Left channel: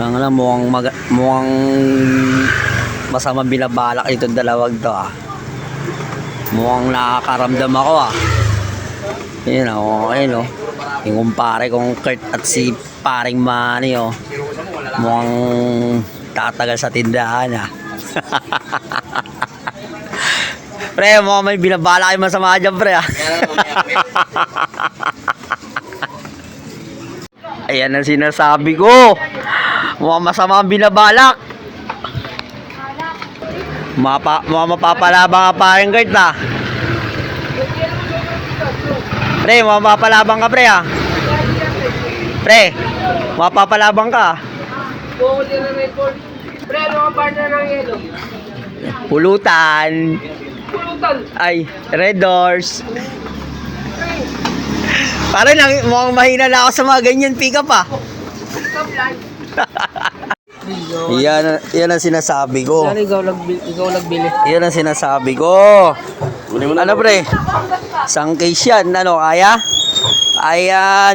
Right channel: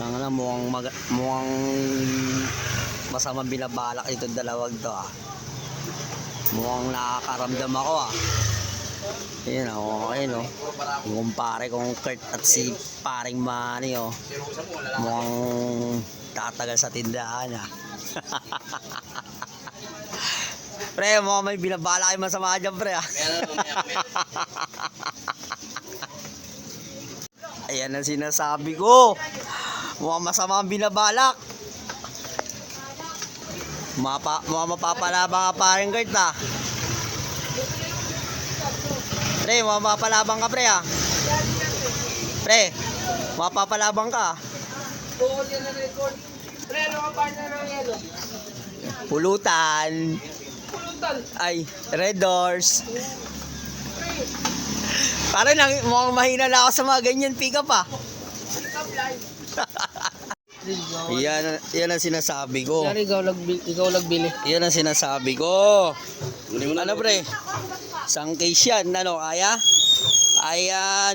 Ang alam, mukhang masama binabalak itong dalawag to ah. Mukhang nakakaramdam ako ah. Yun oh, ayun oh. Yung kumpare kong Kurt at si paring Manny oh. Mukhang tatagal sa tindahan ah. Pre, mukhang may binabalak yung masama dyan pre ah. Ayan ang sinasabi ko. Mukhang masama ang binabalak. Mukhang mapapalabang ka paring Kurt ah. Pre, mapapalabang ka pre ah. Pre, mapapalabang ka. Pre, ano ang partner ng yelo? Pulutan. Pulutan. Ay, Red Doors. Parang mukhang mahina na ako sa mga ganyan pick up ah. Yan ang sinasabi ko. Yan, ikaw nagbili. Yan ang sinasabi ko. Ano pre? Isang case yan. Ano, kaya? Ayan.